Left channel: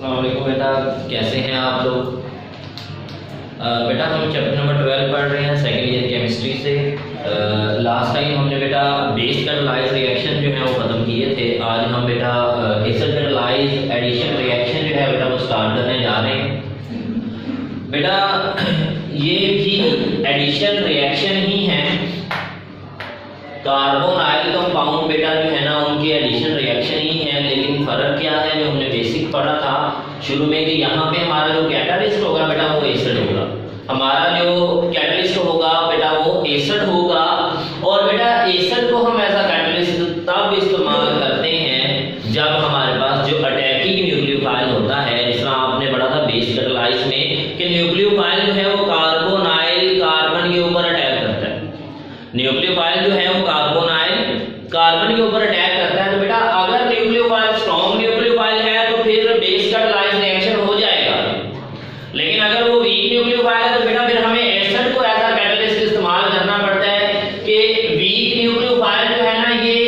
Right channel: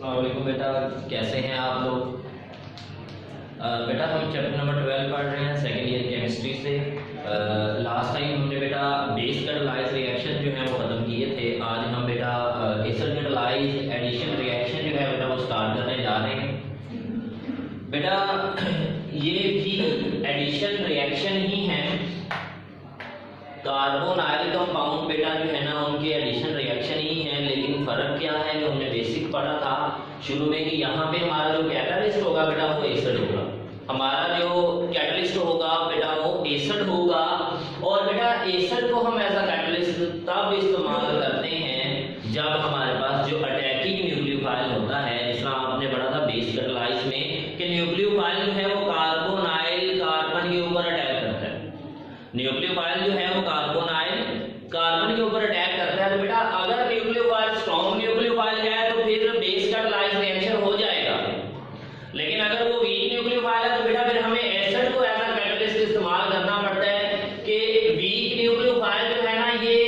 अस्सलाम वालेकुम बेटा, कैसे हैं आप लोग। बेटा हम चैप्टर नंबर 12 पढ़ रहे हैं सेकेंड ईयर केमिस्ट्री से। लास्ट टाइम हमने बेटा बेस कैटालाइज रिएक्शन जो है वो ख़त्म किए थे। आज हम बेटा एसिड कैटालाइज एडिशन रिएक्शन जो है बेटा वो स्टार्ट करने जा रहे हैं। बेटा ये भी एडिशन रिएक्शन ही है। कार्बोनाइल कंपाउंड बेटा जो है ना उनकी एडिशन रिएक्शन ही है, लेकिन फ़र्क क्या है जो हमने बेसिक पढ़ा था शुरू में कि यहाँ पे हमारा जो कैटालिस्ट होगा बेटा वो एसिड होगा। हमारा जो कैटालिस्ट होगा बेटा वो एसिड होगा। और बेटा एसिड को हम ऐसा कैटालिस्ट तब इस्तेमाल करते हैं जब हमारे पास जो अटैकिंग न्यूक्लियोफाइल होता है, जिस तरह आपने पढ़ा था बेस कैटालाइज में कि न्यूक्लियोफाइल जो है वो कार्बोनाइल कार्बन के ऊपर अटैक करता है। न्यूक्लियोफाइल जो है वो कार्बोनाइल कार्बन के ऊपर अटैक करता है। तो बेटा अगर न्यूक्लियोफाइल स्ट्रॉन्ग न्यूक्लियोफाइल है तो फिर बेस कैटालाइज रिएक्शन हो जाएगा, लेकिन अगर वो वीक न्यूक्लियोफाइल है तो बेटा फिर हमें एसिड को ऐसा कैटालिस्ट इस्तेमाल करना पड़ता है कि वीक न्यूक्लियोफाइल जो है ना ये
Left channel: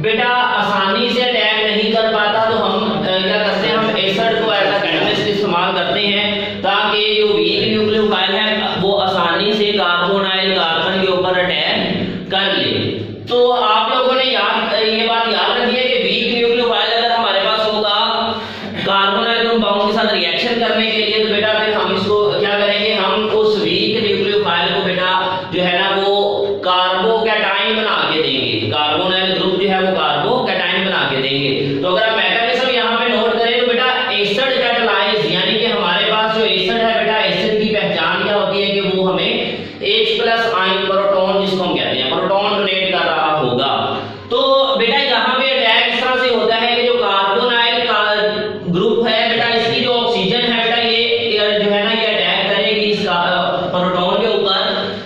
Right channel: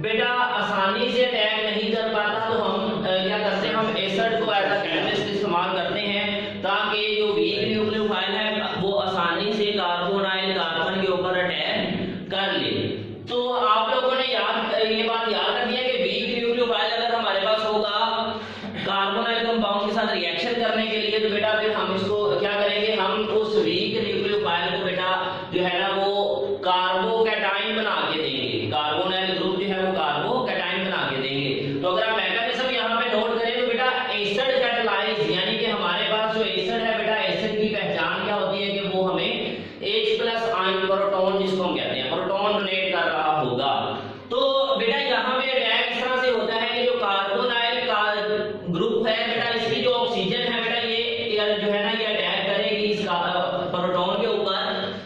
बेटा आसानी से अटैक नहीं कर पाता, तो हम क्या करते हैं, हम एसिड को ऐसा कैटालिस्ट इस्तेमाल करते हैं ताकि जो वीक न्यूक्लियोफाइल है वो आसानी से कार्बोनाइल कार्बन के ऊपर अटैक कर ले। तो आप लोगों ने ये बात याद रखी है कि वीक न्यूक्लियोफाइल अगर हमारे पास होगा कार्बोनाइल कंपाउंड के साथ रिएक्शन करने के लिए, तो बेटा फिर हम इसको क्या करेंगे, हम उस वीक न्यूक्लियोफाइल को बेटा जो है ना वो कार्बोकैटाइन बना के देंगे। कार्बोनाइल ग्रुप जो है वो कार्बोकैटाइन बना के देंगे। तो अगर आप मैकेनिज्म यहाँ पे नोट करें तो बेटा एसिड कैटालाइज यानी कि हमारे पास जो एसिड है बेटा एसिड की पहचान क्या होती है कि वो हमें H+ आयन प्रोटॉन जिसको हम कहते हैं प्रोटॉन डोनेट कर रहा होगा। तो बेटा यहाँ पे अटैक इस तरह से होता है कि जो कार्बोनाइल का ग्रुप है बेटा इसकी जो ऑक्सीजन है बेटा ये जो है ना ये अटैक करेगी इस प्रोटॉन के ऊपर,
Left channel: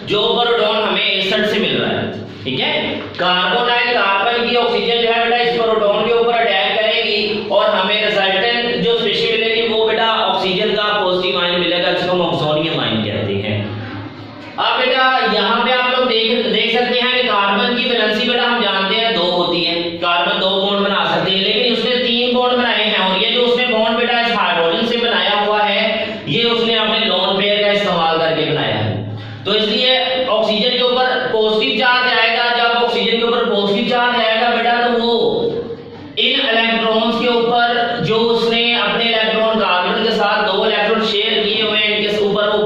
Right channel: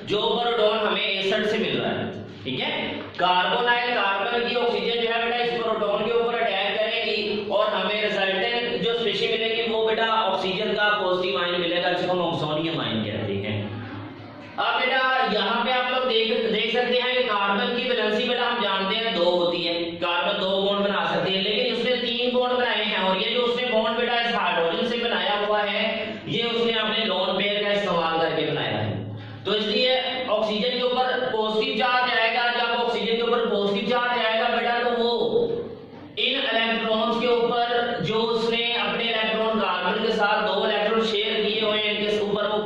जो प्रोटॉन हमें एसिड से मिल रहा है। ठीक है, कार्बोनाइल कार्बन की ऑक्सीजन जो है बेटा इस प्रोटॉन के ऊपर अटैक करेगी और हमें रिजल्टेंट जो स्पीशीज मिलेगी वो बेटा ऑक्सीजन का पॉजिटिव आयन मिलेगा जिसको हम ऑक्सोनियम आयन कहते हैं। अब बेटा यहाँ पे आप लोग देख सकते हैं कि कार्बन की वैलेंसी बेटा हम जानते हैं 2 होती है। कार्बन 2 बॉन्ड बना सकते हैं, लेकिन उसने 3 बॉन्ड बनाए हैं और ये जो उसने बॉन्ड बेटा इस हाइड्रोजन से बनाया हुआ है ये उसने अपने लोन पेयर का इस्तेमाल करके बनाया है। तो इसलिए ऑक्सीजन के ऊपर पॉजिटिव चार्ज आएगा। जब ऑक्सीजन के ऊपर पॉजिटिव चार्ज आएगा बेटा तो वो इन इलेक्ट्रॉन्स के ऊपर जो उसने अपने इलेक्ट्रॉन कार्बन के साथ 2 इलेक्ट्रॉन शेयर किए हुए हैं इनके ऊपर वो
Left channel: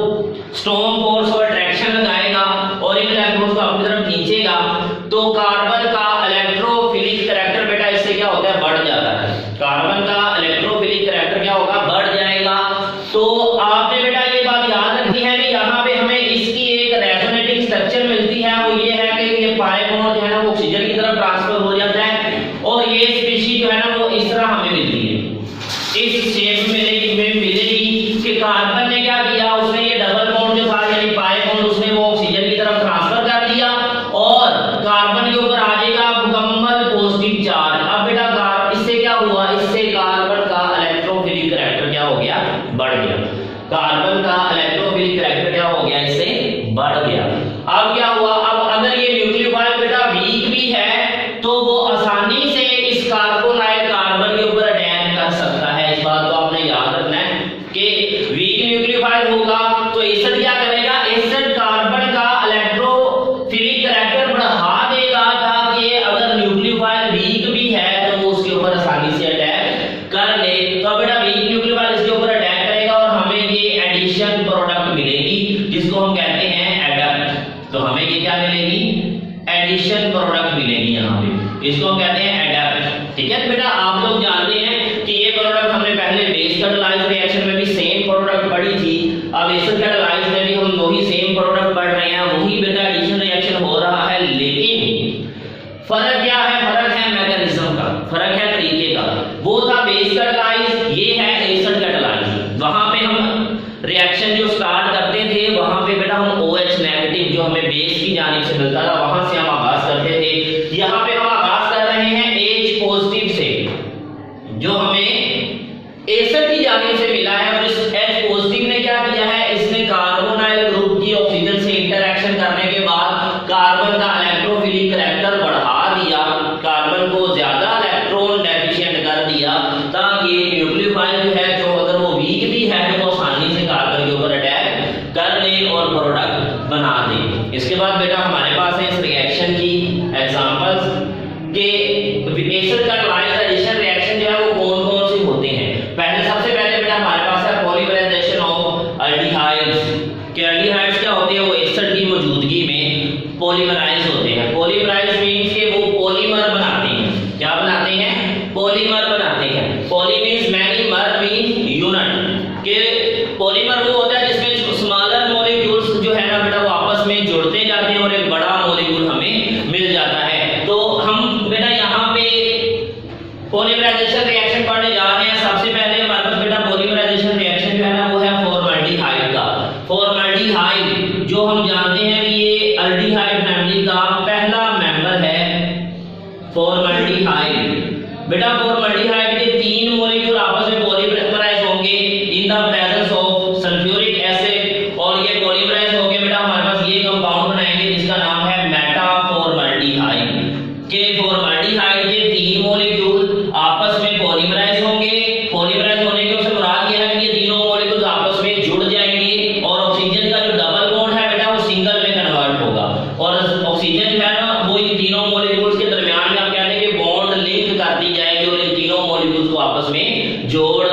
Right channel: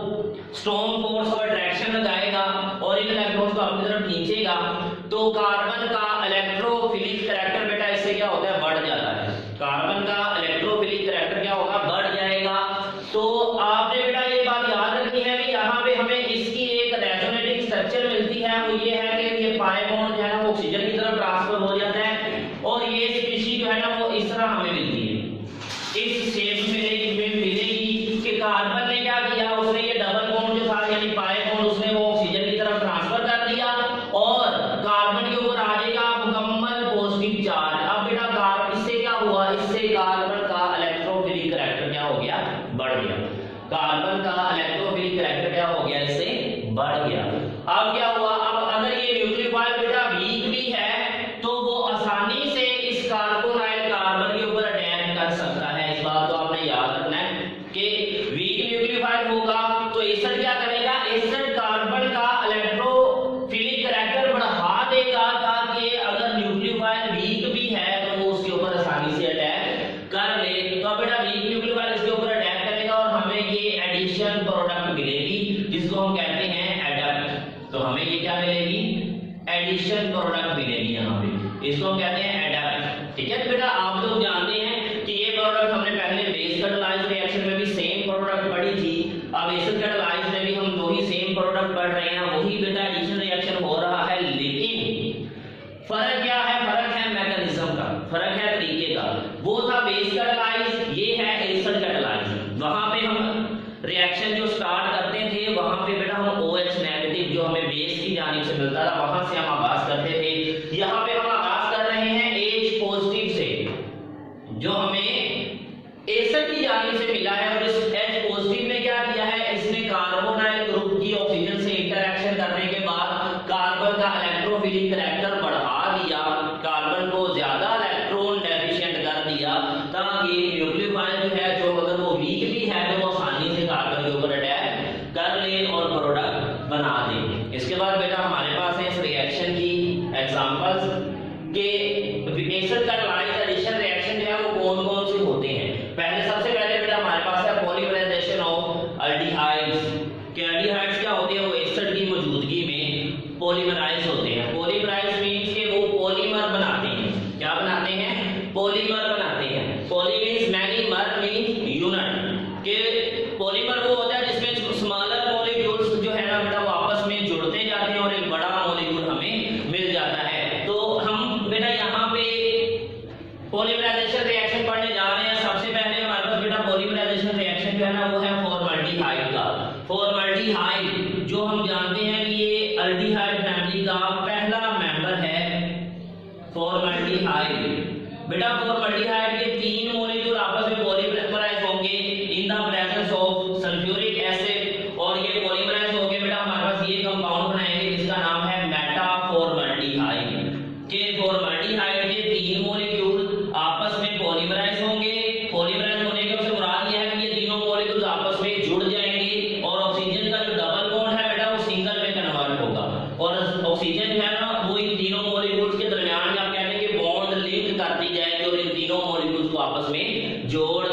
स्ट्रॉन्ग फोर्स ऑफ अट्रैक्शन लगाएगा और इन इलेक्ट्रॉन्स को अपनी तरफ खींचेगा। तो कार्बन का इलेक्ट्रोफिलिक कैरेक्टर बेटा इससे क्या होता है, बढ़ जाता है। कार्बन का इलेक्ट्रोफिलिक कैरेक्टर क्या होगा, बढ़ जाएगा। तो आपने बेटा ये बात याद रखनी है कि यहाँ पे हमें इसकी एक रेजोनेटिंग स्ट्रक्चर मिलती है, वो ये है कि ये पाई बॉन्ड जो है ना वो ऑक्सीजन की तरफ ट्रांसफर हो जाता है और ये स्पीशीज जो है ना वो इस तरह हमें मिलती है, इस शेप में मिलेगी कि कार्बन ने क्या किया, उसने ये डबल बॉन्ड जो था यानी पाई बॉन्ड उसने वो ऑक्सीजन की तरफ ट्रांसफर कर दिया और कार्बन के ऊपर आ जाएगा मुकम्मल पॉजिटिव चार्ज। अब बेटा इससे क्या हुआ, इससे कार्बन का इलेक्ट्रोफिलिक कैरेक्टर क्या हो गया, बढ़ गया। कार्बन का इलेक्ट्रोफिलिक कैरेक्टर क्या हो गया, इससे बढ़ गया। अब क्या हुआ, अब अगर ये न्यूक्लियोफाइल बेटा वीक भी है तो वो आसानी से इस कार्बोनाइल कार्बन के ऊपर अटैक कर सकता है। इस बात को आपने याद रखना है कि वीक न्यूक्लियोफाइल होगा तो एसिड क्या करेगा, एसिड कार्बन का इलेक्ट्रोफिलिक कैरेक्टर बढ़ा देगा ताकि अगर न्यूक्लियोफाइल वीक भी है तो वो उसके ऊपर आसानी से अटैक कर ले। तो बेटा वीक न्यूक्लियोफाइल इसके ऊपर अटैक करेगा और हमें ये एडिशन प्रोडक्ट मिलेगी जिसको हम कहते हैं एडप्ट। तो हमें ये क्या मिलेगी, एडिशन प्रोडक्ट मिलेगी यहाँ पे, इसको हम कहते हैं एडप्ट। ठीक है, तो बेटा आप लोग जानते हैं कि ये प्रोडक्ट हमने पहले बेस कैटालाइज रिएक्शन में भी सेम प्रोडक्ट पढ़ी थी। अब एसिड कैटालाइज में भी हम वही सेम प्रोडक्ट पढ़ रहे हैं, वही बेटा एडिशन रिएक्शन हो रहा है, लेकिन फर्क क्या है, फर्क है मैकेनिज्म का, फर्क है तरीके का। वो था बेस कैटालाइज, ये है एसिड कैटालाइज। वहां पे हम रिएक्शन जो स्टार्ट करते थे वहां पे बेटा हम OH नेगेटिव जो हमें बेस की जानिब से मिलता था वहां से हम आगाज करते थे। यहाँ पे हम आगाज कर रहे हैं H पॉजिटिव से जो हमें एसिड की जानिब से मिला है। और इस H पॉजिटिव ने क्या किया है, इसने कार्बोनाइल ग्रुप की ऑक्सीजन से इंटरेक्शन करने के बाद कार्बन का इलेक्ट्रोफिलिक कैरेक्टर बढ़ा दिया, कार्बन को ज्यादा इलेक्ट्रॉन डेफिशिएंट कर दिया ताकि न्यूक्लियोफाइल जो है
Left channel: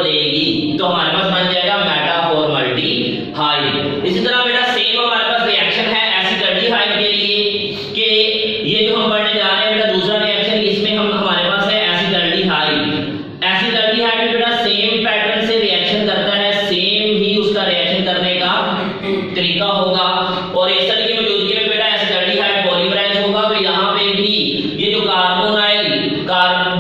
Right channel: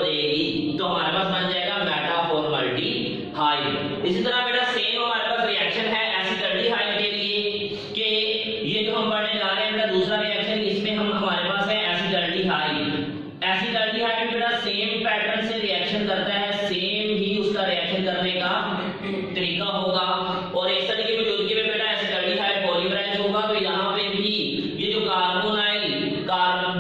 देगी, तो हमारे पास बन जाएगा मेटाफॉर्मल्डिहाइड। इसी तरह बेटा सेम हमारे पास रिएक्शन है एसिटाल्डिहाइड के लिए, कि ये जो हम पढ़ने जा रहे हैं बेटा दूसरा रिएक्शन, इसमें हम हमारे पास है एसिटाल्डिहाइड। एसिटाल्डिहाइड बेटा सेम पैटर्न से रिएक्शन करता है, सेम ही उसका रिएक्शन करने का तरीका होगा। और एस्टर की मौजूदगी में बेटा एसिटाल्डिहाइड पॉलीमराइज होगा, तो यहाँ पे भी ये जो कार्बोनाइल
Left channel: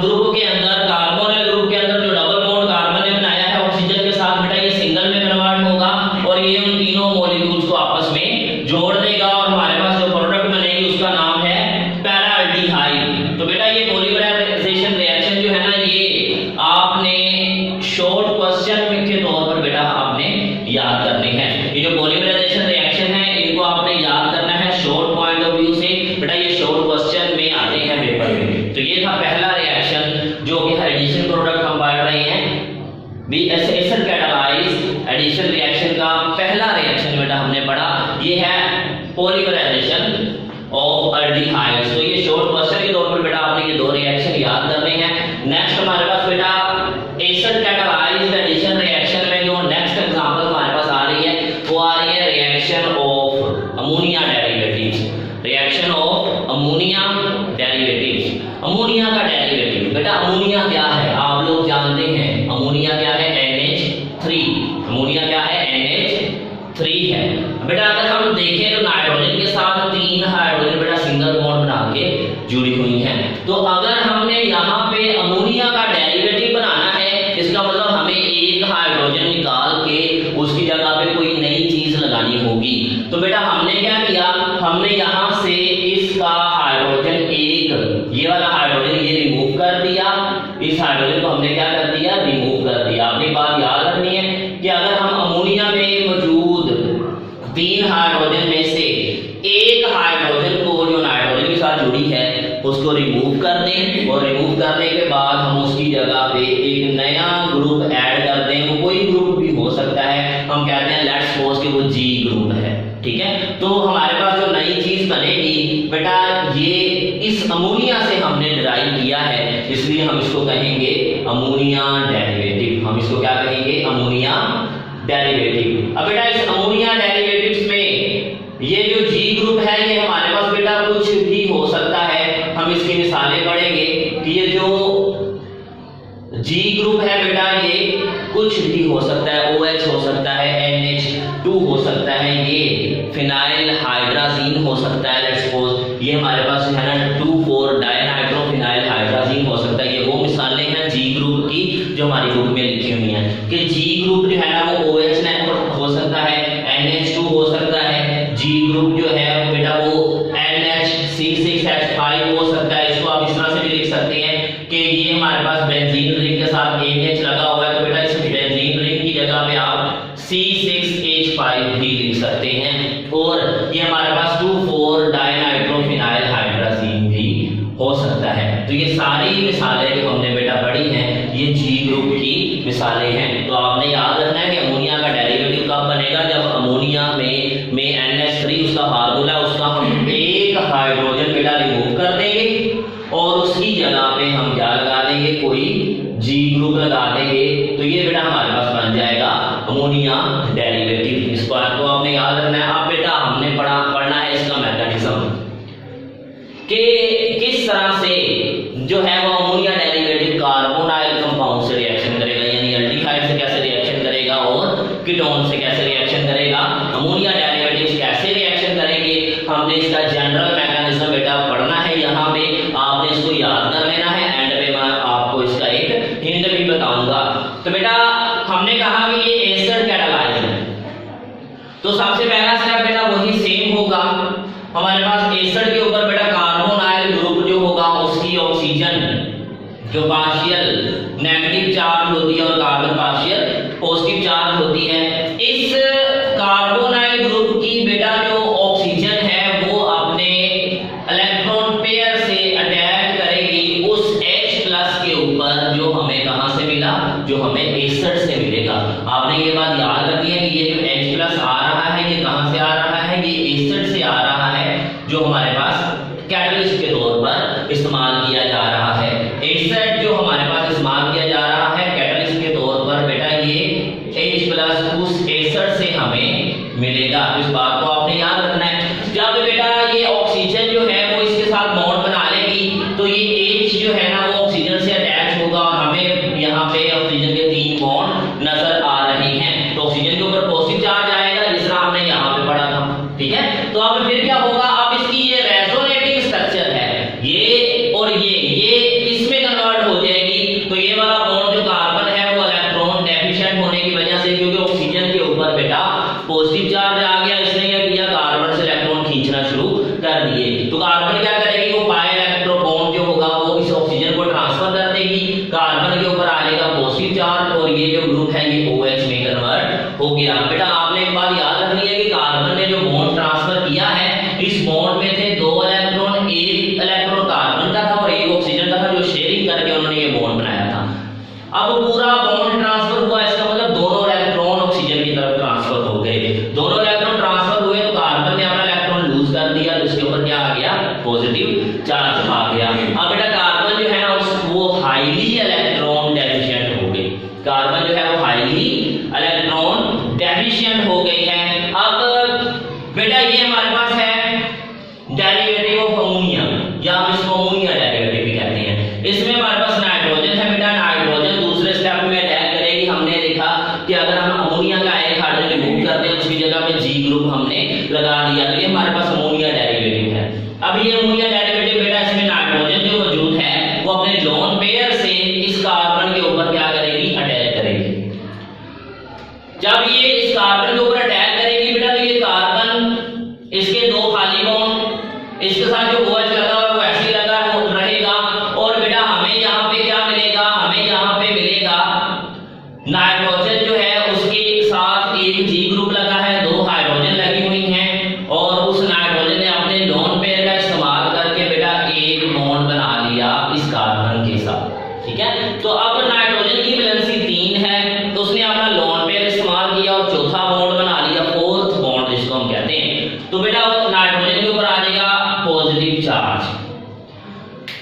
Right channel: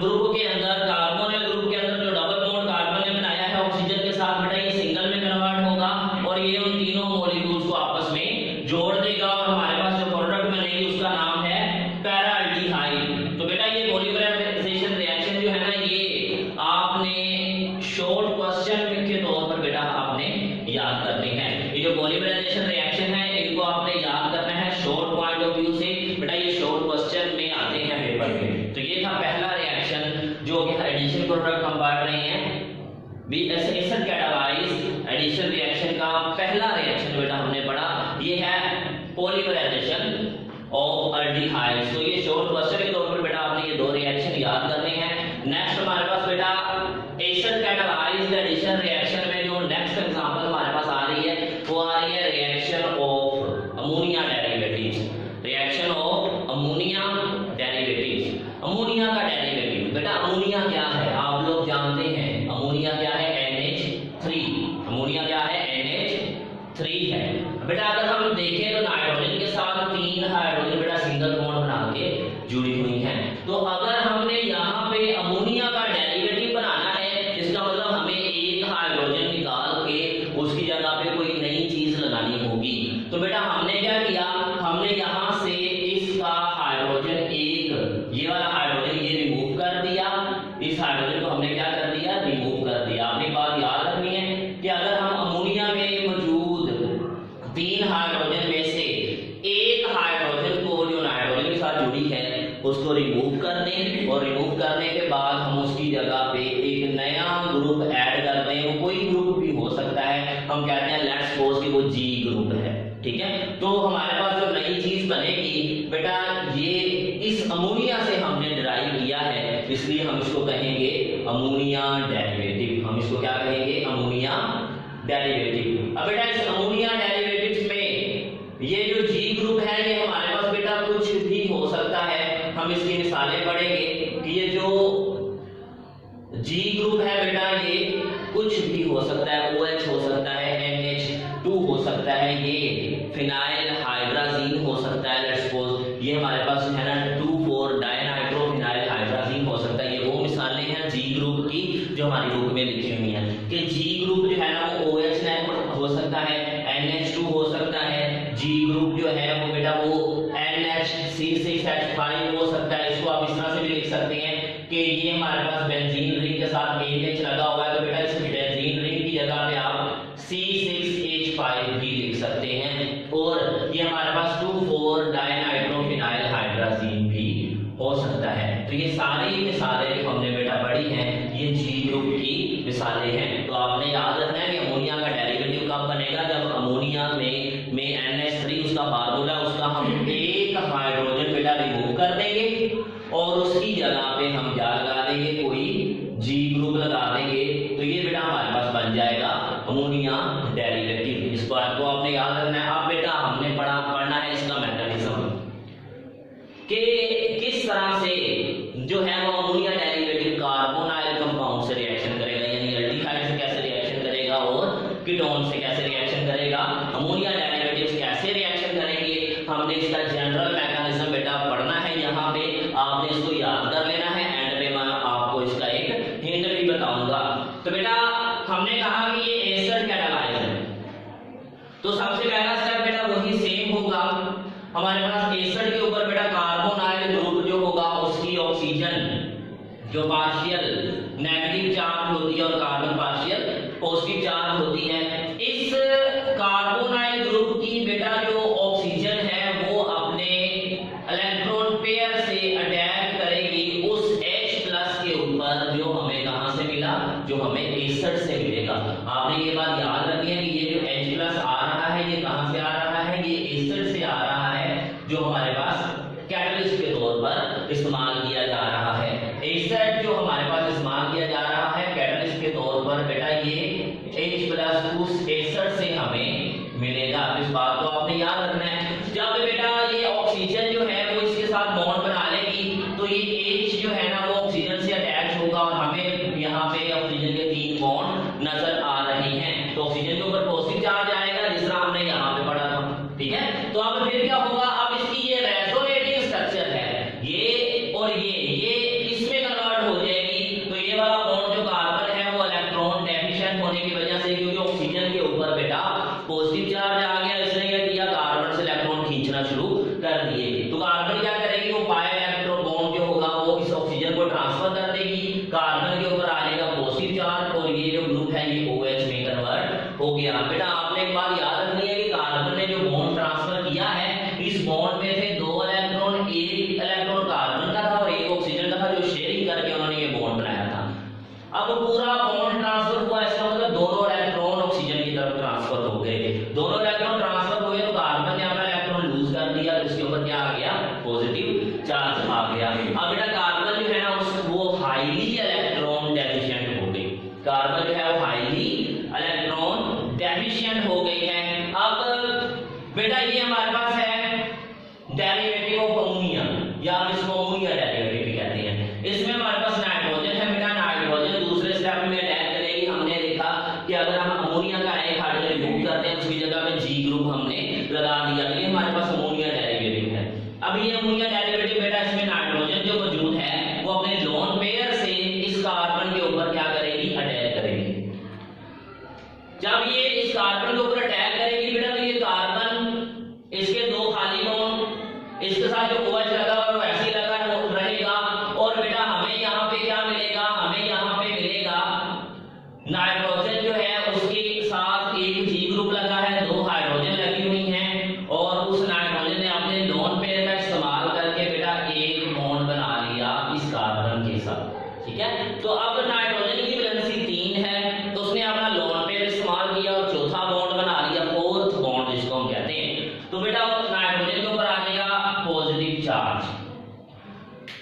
ग्रुप के अंदर, कार्बोनाइल ग्रुप के अंदर जो डबल बॉन्ड कार्बन ने बनाया है ऑक्सीजन के साथ, बेटा ये सिंगल में कन्वर्ट होगा और ये उन तीनों मॉलिक्यूल्स को आपस में जोड़ देगा और हमारे पास जो प्रोडक्ट बनेगी उसका नाम है पैराल्डिहाइड। तो बेटा ये पॉलीमराइजेशन रिएक्शन जो है ना, ये आपने शॉर्ट क्वेश्चन के तौर पर बेटा आपने याद करने हैं। ये जो पॉलीमराइजेशन रिएक्शन है इनको आपने याद करना है शॉर्ट पॉइंट ऑफ व्यू से, बेटा ये शॉर्ट क्वेश्चन में आते हैं पेपर में। तो ये था पहला रिएक्शन जो कि एडिशन प्रोडक्ट हम पढ़ रहे हैं, एसिड कैटालाइज एडिशन रिएक्शन का पहला रिएक्शन बेटा हमने पढ़ा, ये है पॉलीमराइजेशन ऑफ एल्डिहाइड्स। तो ये शॉर्ट क्वेश्चन के तौर पर बेटा आपने ये दो रिएक्शन याद करने हैं। नेक्स्ट हमारे पास बेटा एसिड कैटालाइज्ड एडिशन रिएक्शन में जो नेक्स्ट एग्जांपल हमारे पास आ रही है वो आ रही है reaction of ammonia derivatives. Reaction of ammonia derivatives, ammonia का डेरिवेटिव बेटा अमोनिया क्या है आप लोग जानते हैं, अमोनिया क्या है NH3, अमोनिया क्या है NH3 है। बेटा अगर हम देखें तो नाइट्रोजन के साथ 3 हाइड्रोजन बेटा सिंगल बॉन्ड बना के जुड़ी हुई हैं। तो अगर हमने यहाँ पे अमोनिया का डेरिवेटिव बनाना है, इसका मतलब हमें एक हाइड्रोजन निकाल के उसकी जगह पे कोई नई चीज लगानी होगी। तो बेटा हमने क्या किया, हमने यहाँ से इसका हाइड्रोजन एक, ये वाला हाइड्रोजन ये रिमूव कर दिया, इस हाइड्रोजन को हमने क्या कर दिया, रिमूव कर दिया। आपने बात याद रखनी है कि अगर हम अमोनिया में मौजूद 3 हाइड्रोजन में से एक हाइड्रोजन को जो नाइट्रोजन के साथ जुड़ी है उसको रिमूव कर दें, और रिमूव करने के बाद हम उसकी जगह पे एक नया ग्रुप ऐड कर दें, वो कोई ग्रुप भी हो सकता है, हम कहते हैं लेट्स सपोज कि वो जी ग्रुप है, ठीक है। तो हमारे पास जो नई चीज बनेगी बेटा ये इस अमोनिया से हमने डिराइव किया है, इसलिए हम इसको कहेंगे अमोनिया डेरिवेटिव। हम इसको क्या कहेंगे, अमोनिया डेरिवेटिव। अब बेटा इस अमोनिया डेरिवेटिव्स में ये जो जी ग्रुप है ये हमारे पास बेटा कुछ भी हो सकता है। हम इसकी मिसालें पढ़ेंगे कि ये जो जी ग्रुप है बेटा ये कुछ भी हो सकता है, OH हो सकता है, NH2 हो सकता है, ये फिनाइल हाइड्राजीन हो सकता है, लेट्स सपोज ये हमारे पास है ना 2,4 डायनाइट्रोफिनाइल हाइड्राजीन हो सकता है। ये वो मिसालें हैं जी ग्रुप की जो हमारी बुक में लिखी हुई हैं कि जी ग्रुप जो है ना वो OH हो सकता है, NH2 हो सकता है, जी ग्रुप जो है वो बेटा वो NH6H5 हो सकता है। इसको आप इस तरह से भी लिख सकते हैं कि ये हमारे पास बेंजीन रिंग के साथ NH लगा हुआ है, तो बेटा इस बेंजीन रिंग की जगह पे आप C6H5 भी लिख सकते हैं। और ये हमारे पास 2,4 डायनाइट्रोफिनाइल हाइड्राजीन भी हो सकता है। तो ये सारी मिसालें जो हमने बेटा पढ़ी हैं ये जी ग्रुप की मिसालें हैं। तो आपने याद रखना है कि अमोनिया का डेरिवेटिव कब बनेगा, जब अमोनिया में NH3 उसका फार्मूला, उसका हम एक हाइड्रोजन बेटा रिमूव कर देंगे और उसकी जगह पे हम क्या लगा देंगे, कोई जी ग्रुप लगा देंगे। तो ये बेटा हमारे पास बन जाएगा अमोनिया डेरिवेटिव। इस बात को आपने याद रखना है। अब बेटा हमने पढ़ना है इसका मैकेनिज्म कि किस तरह से जो है वो अमोनिया डेरिवेटिव कार्बोनाइल कंपाउंड से रिएक्शन करेगा, यानी एल्डिहाइड से कैसे रिएक्शन करेगा और कीटोन से कैसे रिएक्शन करेगा, अमोनिया डेरिवेटिव्स कैसे रिएक्शन करेंगे। हमने इसका जनरल मैकेनिज्म बेटा पढ़ना है, यहाँ पे आपने इसको याद कर लेना है। एंड पे मैं आपको इसका एक हिंट भी बताऊंगा। तो बेटा हमने कहा कि ये एसिड कैटालाइज है, तो सबसे पहला स्टेप बेटा वही सेम होगा। हमारे पास एसिड के ऊपर बेटा कार्बोनाइल ग्रुप जो होगा उसकी ऑक्सीजन जो पार्शियल नेगेटिव चार्ज होती है और कार्बन पार्शियल पॉजिटिव चार्ज होती है। इस कार्बोनाइल ग्रुप की बेटा जो ऑक्सीजन है वो अपने इलेक्ट्रॉन पेयर से अटैच करेगी उस H+ के ऊपर जो हमें कहां से मिला, जो हमें एसिड से मिलेगा। आपने ये बात याद रखनी है कि ये जो H+ आ रहा है ये कहां से आ रहा है, ये एसिड से आ रहा है जो हमारे पास कैटलिस्ट के तौर पर इस्तेमाल किया जा रहा है। एसिड जो हमारे पास इस्तेमाल किया जा रहा है कैटलिस्ट के तौर पर प्लस उस एसिड से हमें मिलेगा। इस बात को आपने याद रखना है। जब बेटा ये ऑक्सीजन जो है वो इसके साथ बॉन्ड बना लेगी तो ये H जो है ना वो ऑक्सीजन से अटैच होगा और हमें यहाँ पे ऑक्सीजन के 3 बॉन्ड नजर आ रहे हैं। तो ऑक्सीजन के ऊपर पॉजिटिव चार्ज आएगा जिस तरह हमने यहाँ पे पढ़ा था, ठीक है। तो अब फिर क्या होगा, अब इसकी ये रेजोनेटिंग स्ट्रक्चर है, ये और ये इसमें कन्वर्ट हो जाएगी। तो ये वाला बॉन्ड जो कार्बन है वो इलेक्ट्रॉन डेफिशिएंट होने की वजह से, क्योंकि ऑक्सीजन के ऊपर बेटा पॉजिटिव चार्ज आ गया, इसने क्या किया, कार्बन से इलेक्ट्रॉन खींचना शुरू कर दिए। तो कार्बन क्या करेगी, वो पाई इलेक्ट्रो बॉन्ड जो होगा वो इस ऑक्सीजन को ट्रांसफर कर देगी, कार्बन के ऊपर आ जाएगा पॉजिटिव चार्ज और ये जो ग्रुप है ये OH में कन्वर्ट हो गया। बेटा आपने एक बात याद रखनी है कि कार्बन ने जो बॉन्ड ट्रांसफर किया है, इस बॉन्ड में थे 2 इलेक्ट्रॉन, एक इलेक्ट्रॉन कार्बन का था और एक ऑक्सीजन का था, जो शेयरिंग करके उन्होंने ये बॉन्ड बनाया था। अब पूरा बॉन्ड ट्रांसफर हुआ, इसका मतलब दोनों इलेक्ट्रॉन ऑक्सीजन की तरफ ट्रांसफर हो गए। दोनों इलेक्ट्रॉन ट्रांसफर हुए तो कार्बन ने अपना इलेक्ट्रॉन लूज कर दिया, तो इसके ऊपर क्या आ गया, पॉजिटिव चार्ज आ गया। अब बेटा कार्बन जो है ना वो हाईली इलेक्ट्रॉन डेफिशिएंट हो गई, कार्बन जो है वो हाईली इलेक्ट्रॉन डेफिशिएंट हो गई है। अब बेटा ये हमारे पास है डेरिवेटिव ऑफ अमोनिया, या हम इसको अमोनिया डेरिवेटिव भी कहते हैं। इसमें हमारे पास नाइट्रोजन है बेटा, नाइट्रोजन दूसरे स्टेप में अटैक करेगी। हमने देखा कि अगर हम अमोनिया का एक हाइड्रोजन रिमूव करते हैं उसकी जगह पे G ग्रुप हमने लगा दिया, तो ये हमारे पास अमोनिया डेरिवेटिव है। अब ये अमोनिया डेरिवेटिव बेटा इसमें नाइट्रोजन जो मौजूद है वो अपने लोन पेयर से इस कार्बन के ऊपर क्या करेगी, अटैक करेगी। जब ये इस कार्बन के ऊपर अटैक करेगी बेटा, तो ये कार्बन इसके 2 खाली बॉन्ड, इसके साथ जो OH लगा हुआ है वो ऐसे ही लगा रहेगा और बेटा हमें यहाँ पे क्या मिलेगा, हमें यहाँ पे मिलेगा नाइट्रोजन जो है उसके साथ एक G ग्रुप लगा है, 2 हाइड्रोजन लगी हुई हैं और उस नाइट्रोजन ने अपने लोन पेयर का इस्तेमाल करके बेटा एक बॉन्ड बना लिया इस कार्बन के साथ, ठीक है। तो अब नाइट्रोजन की वैलेंसी 3 है, तो उसने अपना लोन पेयर इस्तेमाल किया और चौथा बॉन्ड बना लिया, 4th बॉन्ड जिसको हम कहते हैं। तो बेटा नाइट्रोजन के ऊपर आ जाएगा पॉजिटिव चार्ज।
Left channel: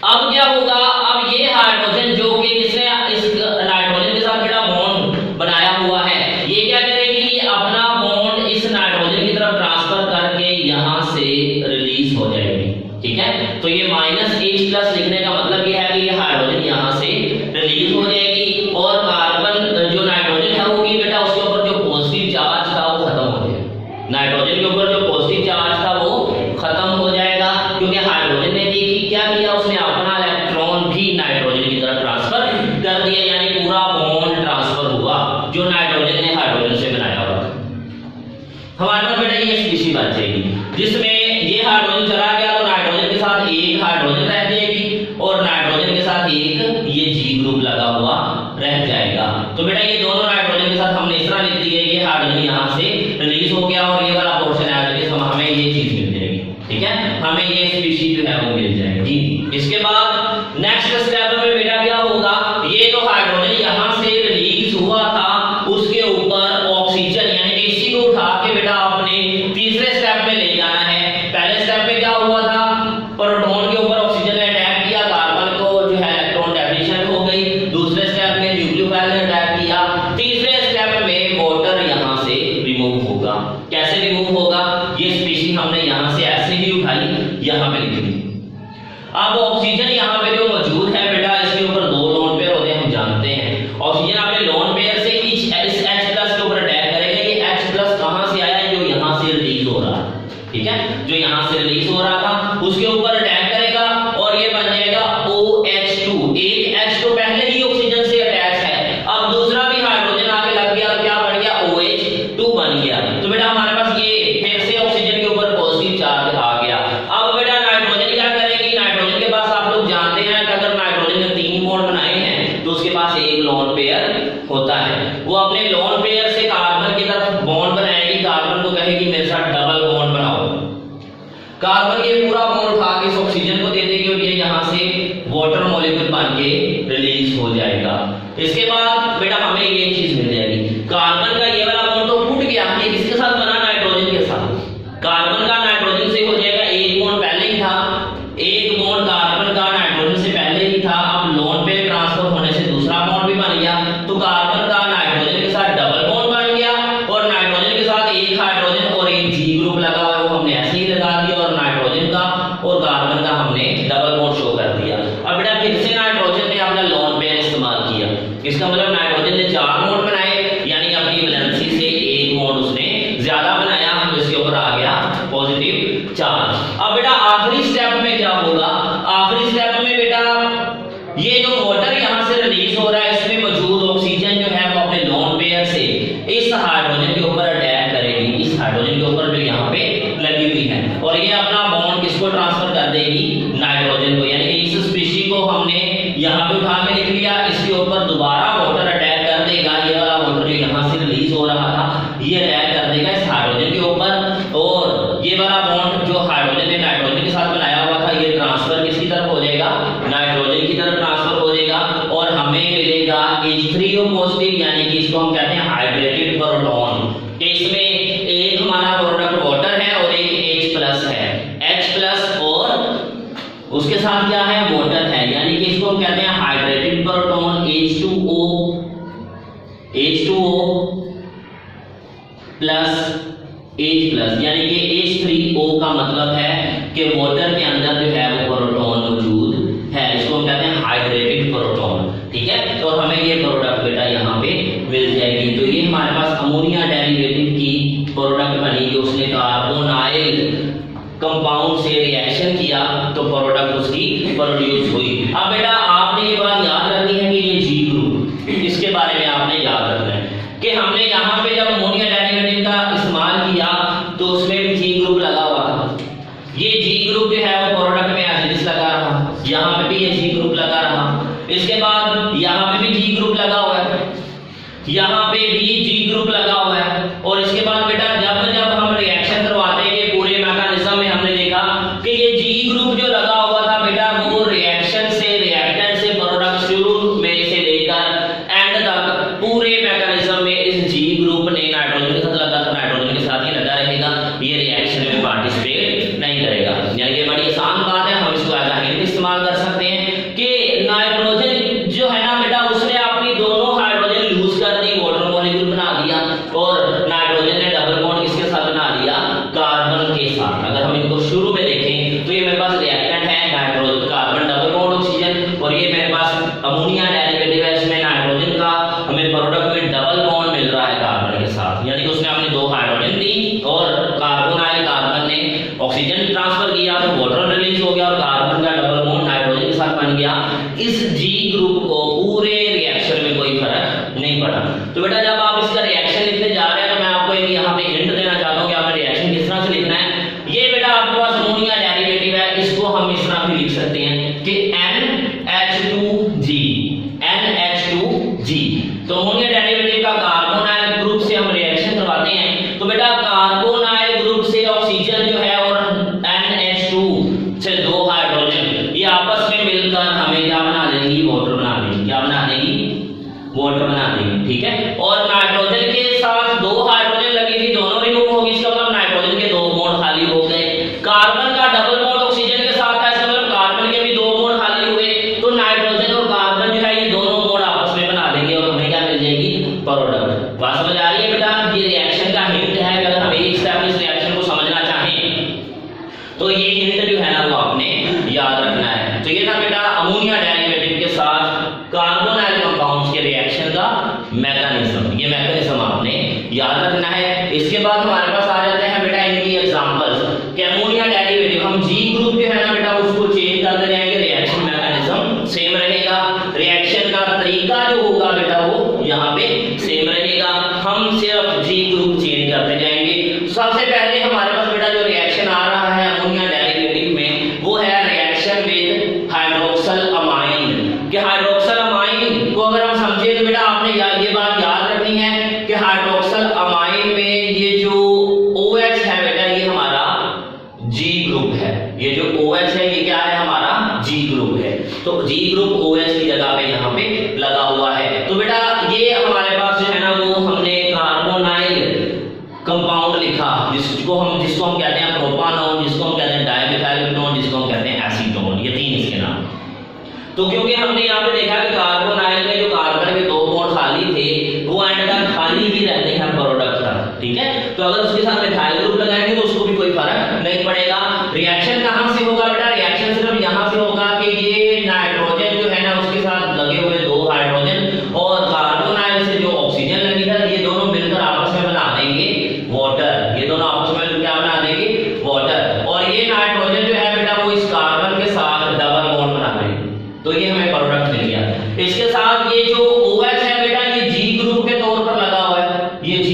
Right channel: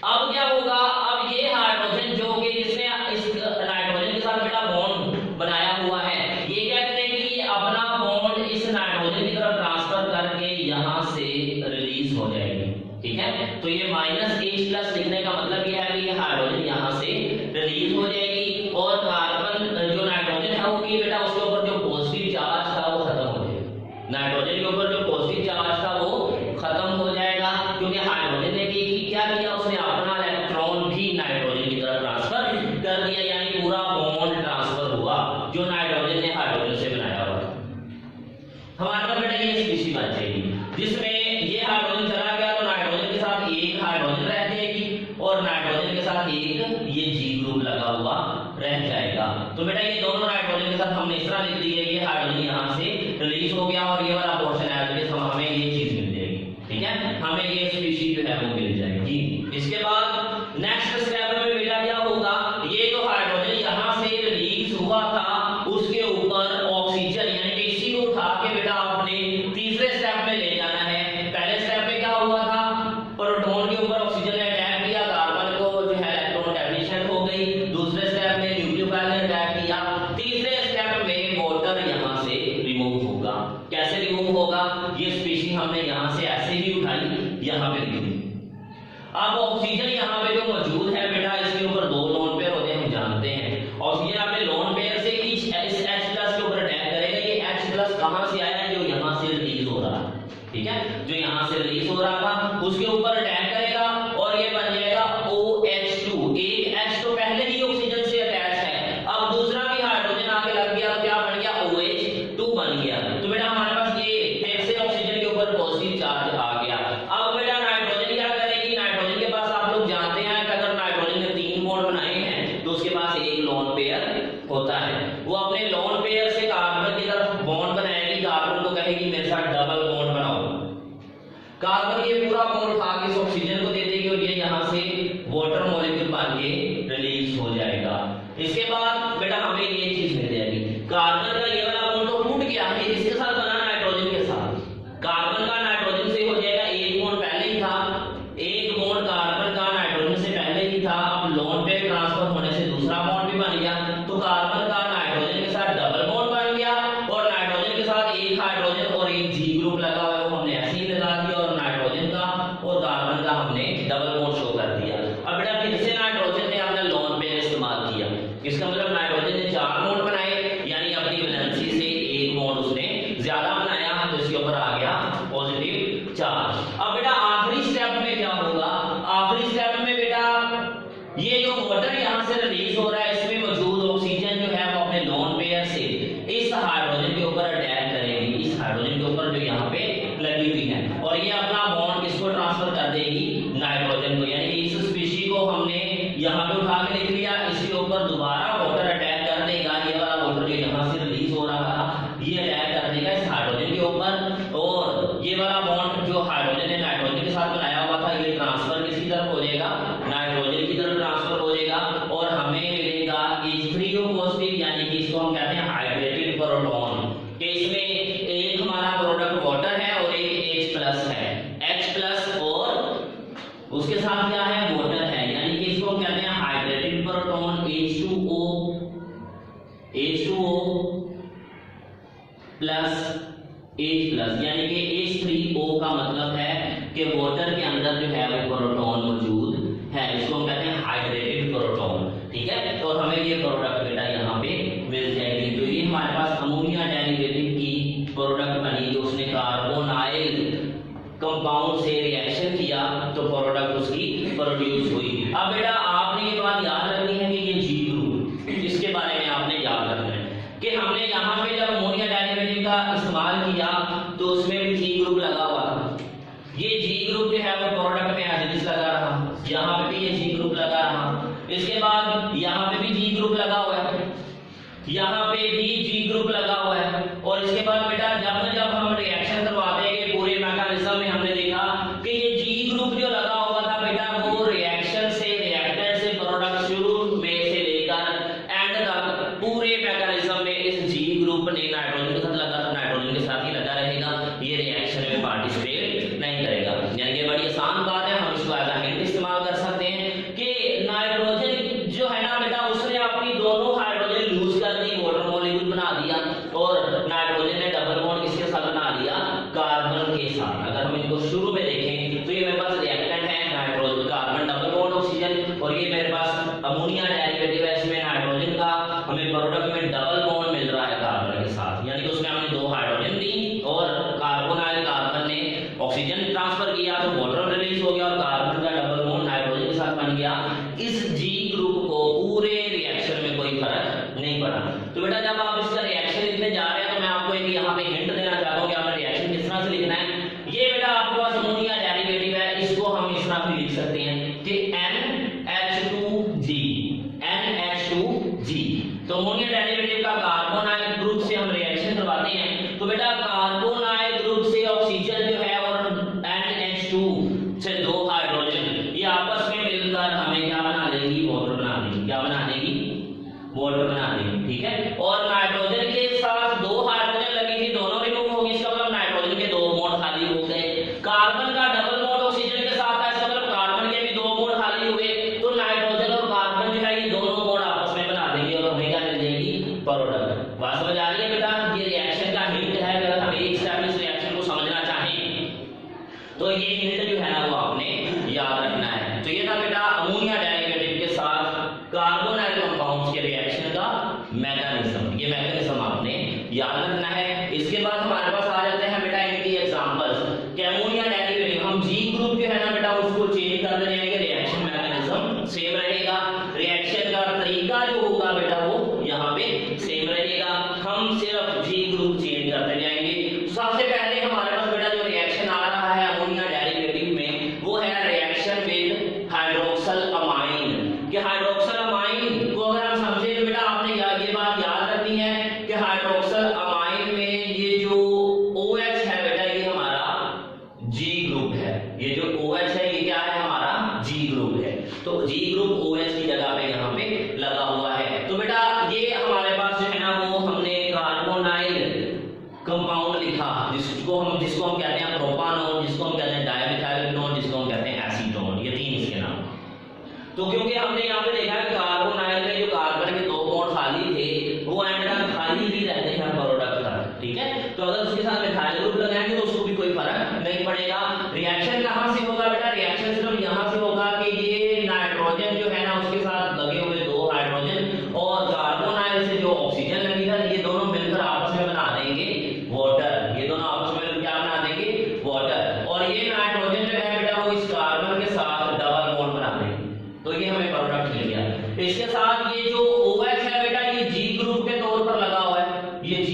अब क्या होगा, अब ये हाइड्रोजन जो कि इसने इस नाइट्रोजन के साथ बेटा बॉन्ड बनाया हुआ है, ये क्या करेगी, ये अपना बॉन्ड इस नाइट्रोजन की तरफ ट्रांसफर करके यहां से रिलीज हो जाएगी, ठीक है। तो ये -H+ लिखने का मतलब ये है कि ये हाइड्रोजन यहां से रिलीज हो जाएगी और कार्बन जो नाइट्रोजन है वो की बेटा उसके ऊपर जो पॉजिटिव चार्ज था वो खत्म हो जाएगा, नाइट्रोजन के ऊपर जो पॉजिटिव चार्ज था वो खत्म हो जाएगा, क्योंकि हाइड्रोजन ने क्या किया, उसने अपना इलेक्ट्रॉन भी नाइट्रोजन की तरफ ट्रांसफर कर दिया, यानी पूरा बॉन्ड ट्रांसफर हुआ जो नाइट्रोजन ने हाइड्रोजन से बनाया हुआ था। हमारे पास बेटा ये स्पीशीज बन जाएगी जिसमें ये हाइड्रोजन चला गया तो नाइट्रोजन के साथ एक हाइड्रोजन रह जाएगी और नाइट्रोजन के साथ एक ये G ग्रुप लगा हुआ रह जाएगा। तो बेटा ये दोनों नाइट्रोजन के साथ हमने इस तरह लिख दिया, ये हाइड्रोजन यहाँ से रिलीज हो गया और ये वाला पोर्शन है हमें ये चीज मिल जाएगी, ठीक है, हमें ये स्पीशीज जो है वो मिल जाएगी। इसके बाद नेक्स्ट स्टेप में बेटा क्या होगा, ये जो हाइड्रोजन यहाँ से रिलीज हुआ था उसके ऊपर ऑक्सीजन यानी कि इसी को उठा के बेटा आपने तीसरे स्टेप में ले जाना है। पहले स्टेप में क्या हुआ था, प्रोटॉन के ऊपर ऑक्सीजन ने अटैक किया, कार्बन को जो है इलेक्ट्रॉन डेफिशिएंट हो गई। दूसरे स्टेप में न्यूक्लियोफाइल ने अटैक किया। तीसरे स्टेप में वाटर यहाँ से रिमूव होगा। कैसे रिमूव होगा, ये स्पीशीज हमने यहाँ से ऐसे ही उठाई, यहाँ पे लिख दी। अब ऑक्सीजन यहाँ पे जो मौजूद है बेटा इसके ऊपर 2 लोन पेयर होते हैं, हम जानते हैं। ऑक्सीजन अपने लोन पेयर से इस H+ के ऊपर अटैक करेगा। ये H+ कहां से आया, जो यहाँ से रिलीज हो रहा है, ठीक है, जो यहाँ से रिलीज हो रहा था उसके ऊपर अटैक करेगा और ये बन जाएगा OH2। एक H तो पहले ही ऑक्सीजन से अटैच है, अब दूसरा भी हाइड्रोजन आके लग गया तो क्या बन गया, OH2 बन गया। तो बेटा हमारे पास ये फिर से ऑक्सीजन के ऊपर पॉजिटिव चार्ज आ गया। अब बेटा नाइट्रोजन क्या करेगी, नाइट्रोजन के पास आप लोग जानते हैं कि अगर नाइट्रोजन ने 3 बॉन्ड बनाए हैं तो उसके पास एक लोन पेयर होता है। वो अपने लोन पेयर से कार्बन की तरफ बॉन्ड बनाएगी, कार्बन को कहेगी मेरे साथ डबल बॉन्ड बनाओ। कार्बन ये पूरा बॉन्ड उठा के इस ऑक्सीजन को दे देगी और ये यहाँ से वाटर मॉलिक्यूल बन के रिलीज हो जाएगा। इसके बाद बेटा हमें ये चीज मिल जाएगी, कार्बन का ये वाला बॉन्ड तो टूट गया, ये किसके साथ बना, नाइट्रोजन के साथ। कार्बन का नाइट्रोजन से हो जाएगा, एक बॉन्ड पहले ही था, एक बॉन्ड कार्बन का नाइट्रोजन से पहले ही था, अब लोन पेयर ट्रांसफर होने से दूसरा बॉन्ड भी बन गया, तो कार्बन का नाइट्रोजन के साथ डबल बॉन्ड बन गया इस हाइड्रोजन के ऊपर अटैक करेगी, इस हाइड्रोजन के ऊपर जो यहाँ पे लगी हुई है, और ये अपना बॉन्ड किसको ट्रांसफर कर देगी, नाइट्रोजन को। यानी कि इस स्पीशी को हमने यहाँ पे उठा के लिख लिया, इसके ऊपर दोबारा वाटर अटैक कर देगा, ये वाला वाटर जो यहाँ से रिलीज हो रहा था ये अटैक कर देगा इस हाइड्रोजन के ऊपर, और ये वाला बॉन्ड जो हाइड्रोजन ने नाइट्रोजन के साथ बनाया हुआ था ये ट्रांसफर किसकी तरफ हो जाएगा, नाइट्रोजन की तरफ ट्रांसफर हो जाएगा, और हमें मिलेगा H3O पॉजिटिव, यानी कि इसको हम कहते हैं हाइड्रेटेड प्रोटॉन। इसमें एक हमारा प्रोडक्ट वाटर है और एक H+ है, H+ और उसके साथ क्या है, वाटर है, यानी कि इसको हम कहते हैं hydrated proton H2O plus H+, यानी कि H3O का मतलब है कि वाटर के अंदर जो है वो प्रोटॉन मौजूद है, इसको हम कहते हैं हाइड्रेटेड प्रोटॉन। ठीक है, तो हमें ये प्रोडक्ट बेटा यहाँ पे मिल जाएगी। तो ये हमारे पास अमोनिया डेरिवेटिव की प्रोडक्ट बनी, जो उसने कार्बोनाइल कंपाउंड से रिएक्शन किया तो प्रोडक्ट उसकी प्रोड्यूस हुई। अब बेटा आपने ये बात याद रखनी है कि ये जी ग्रुप, इसके बारे में आपने याद रखना है कि हमने यहाँ पे जब अमोनिया डेरिवेटिव का इस्तेमाल किया तो उसमें भी जी ग्रुप लगा हुआ था। ये जी ग्रुप जो है वो प्रोडक्ट में एसिडिस लगा रहा, यहाँ पे भी ये जी ग्रुप लगा रहा, इसके बाद यहाँ पे भी जी ग्रुप लगा हुआ है, यहाँ पे भी जी ग्रुप लगा हुआ है, और इसके बाद बेटा जब जब हम रिएक्शन करवाते हैं पूरे मैकेनिज्म में हमने देखा कि ये जी ग्रुप जो लगा हुआ था बेटा वो रिएक्शन से रिएक्टेंट से प्रोडक्ट शुरू में से लेकर एंड तक पूरे मैकेनिज्म में इस जी ग्रुप ने नाइट्रोजन के साथ लगा था, नाइट्रोजन के साथ ही लगा रहेगा, ये रिएक्शन में पार्टिसिपेट नहीं करेगा। यानी कि बड़ी आसान बात है, हम इसको एज अ हिंट इस्तेमाल कर सकते हैं कि नाइट्रोजन जो है ना बेटा उसने अपनी दोनों हाइड्रोजन लूज कर दी, वाटर मॉलिक्यूल बना दिया, और नाइट्रोजन ने डबल बॉन्ड किसके साथ बना दिया, कार्बन के साथ। अगर हम इनको शुरू में देखें तो ये मेरे पास रिएक्टेंट है nitrogen carbon double bond oxygen, और ये मेरे पास अमोनिया डेरिवेटिव है, इसमें नाइट्रोजन का हमें प्रोडक्ट में डबल बॉन्ड मिल रहा है कार्बन के साथ, यानी कि उसने अपनी दो हाइड्रोजन दी और कार्बोनाइल कार्बन ने ऑक्सीजन ट्रांसफर किया तो वाटर रिलीज हो गया और कार्बन का डबल बॉन्ड नाइट्रोजन के साथ बन गया। इस जी ग्रुप को पूरे रिएक्शन में कोई फर्क नहीं पड़ा। तो बेटा जब आप इसका रिएक्शन लिखने जा रहे हैं तो मैं आपको एक यहाँ पे हिंट देना चाहता हूँ कि आपने रिएक्शन किस तरह से लिखना है। ये बेटा आपके पास अमोनिया डेरिवेटिव है, इसको हम इस तरह भी लिख सकते हैं कि NH2G। तो अमोनिया डेरिवेटिव का कार्बोनाइल ग्रुप से हम रिएक्शन करवाते हैं तो बेटा कार्बोनाइल ग्रुप से ऑक्सीजन जो है और NH2 से दो हाइड्रोजन ये आपस में मिलकर हमें क्या बना देंगी, वाटर बना देंगी। क्या बना देंगी, वाटर बना देंगी। ठीक है, और नाइट्रोजन के साथ दो हाइड्रोजन लगी थी, दोनों रिमूव होगी, इसका मतलब नाइट्रोजन के दो बॉन्ड खाली हो गए। कार्बन का डबल बॉन्ड ऑक्सीजन के साथ था, इसका मतलब कार्बन के भी दो बॉन्ड खाली हुए, तो नाइट्रोजन और कार्बन जो है ये दोनों बॉन्ड आपस में बना देंगे और हमें क्या मिल जाएगी, प्रोडक्ट। बात समझ आ रही है बेटा, ये रिएक्शन का हिंट है। अगर हम एक स्टेप इस रिएक्शन को समझना चाहें तो ये हिंट जो है ना वो आपने याद रखना है। तो ये था बेटा अमोनिया डेरिवेटिव के साथ कार्बोनाइल कंपाउंड्स के रिएक्शन का मैकेनिज्म, ये मैकेनिज्म आपने याद रखना है। इसके बाद हमारे पास आ जाते हैं बेटा इनकी एग्जांपल्स कि अमोनिया डेरिवेटिव हम जी ग्रुप जो है ना बेटा उसको चेंज करते जाएंगे, रिएक्शन मैकेनिज्म सेम रहेगा, रिएक्शन का तरीका जो होगा बेटा वो यहाँ पे सेम रहेगा, हम सिर्फ जी ग्रुप चेंज करते जाएंगे। सबसे पहले हमारे पास बेटा जो रिएक्शन आ रहा है अमोनिया डेरिवेटिव में वो है रिएक्शन विद हाइड्रोक्सल अमाइन। कि हाइड्रोक्सल अमाइन को अगर हम समझे तो बेटा आपने ये बात याद रखनी है कि हाइड्रोक्सल अमाइन में ये जो OH है बेटा ये हमारा G ग्रुप है, ये जो OH है ये क्या है, हमारा G ग्रुप है। तो G ग्रुप OH की जगह पे यहाँ पे लगा हुआ है। तो बेटा ये हमारे पास जो है ना वो हमने कार्बोनाइल कंपाउंड लिखा, जिसको हम कहते हैं प्रोपानोन, जिसको हम कहते हैं डाइमिथाइल, जिसको हम कहते हैं एसीटोन, ये तीन इसके नाम। तो क्योंकि हमने यहाँ पे देखा कि कार्बोनाइल में जो कार्बन के दो बॉन्ड खाली थे वो एंड तक खाली ही रहते हैं प्रोडक्ट तक। ठीक है, तो अगर उसके साथ मिथाइल ग्रुप लगाएंगे तो उसको भी कोई फर्क नहीं पड़ेगा। रिएक्शन कहाँ से होगा बेटा, रिएक्शन सिर्फ यहाँ से होगा कि ये नाइट्रोजन जो है ना उसके साथ लगे हुए दो हाइड्रोजन और कार्बोनाइल से जो ऑक्सीजन लगी है ये दोनों मिलकर आपस में बना देंगे वाटर, ये दोनों आपस में क्या बना देंगे, वाटर। और ये नाइट्रोजन जो है बेटा वो इस कार्बन के साथ डबल बॉन्ड बना देंगे, तो ये हमें प्रोडक्ट मिल गया। इसके साथ ये जो OH है बेटा ये G ग्रुप के तौर पर लगा हुआ है, ये G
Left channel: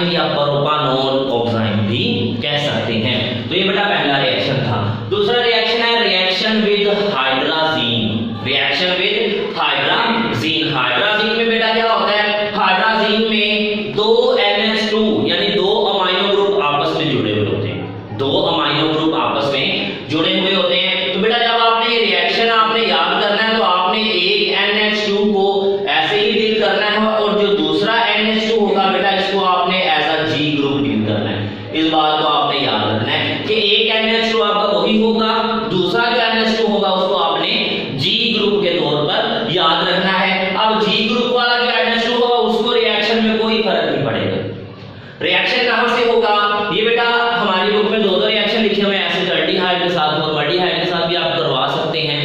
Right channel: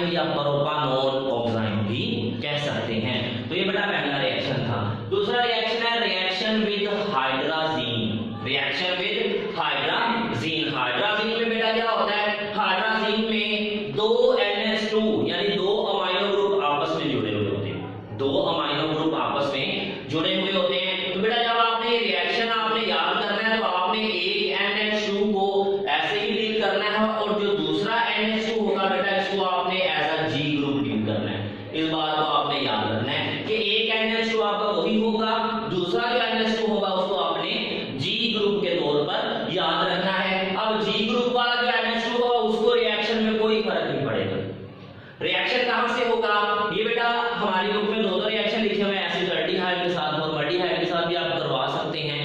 ऑक्साइन या प्रोपानोन ऑक्साइन भी कह सकते हैं। तो ये बेटा पहला रिएक्शन था। दूसरा रिएक्शन है reaction with hydrazine. Reaction with hydrazine. Hydrazine में बेटा क्या होता है, हाइड्राजीन में दो NH2 यानी दो अमाइनो ग्रुप आपस में जुड़े हुए होते हैं। दो अमाइनो ग्रुप आपस में जुड़े हुए होते हैं। तो बेटा जब आपने ये रिएक्शन आपने याद करना है तो आपने एक NH2 को ऐसे ही डील करना है और जो दूसरा NH2 होगा बेटा इसको आपने as a G group deal करना है। इस बात को आपने याद रखना है कि एक NH2 आपका वही होगा, दूसरा जो NH2 होगा उसको आपने G ग्रुप के तौर पर याद रखना है। अब G ग्रुप वाला जो NH2 होगा उसको रिएक्शन में कोई फर्क नहीं पड़ेगा। रिएक्शन कहां से होगा, ये बेटा हमारी बुक में दो रिएक्शन लिखे हुए हैं, एसिटाल्डिहाइड के साथ फॉर्माल्डिहाइड के साथ भी आप करवा सकते हैं,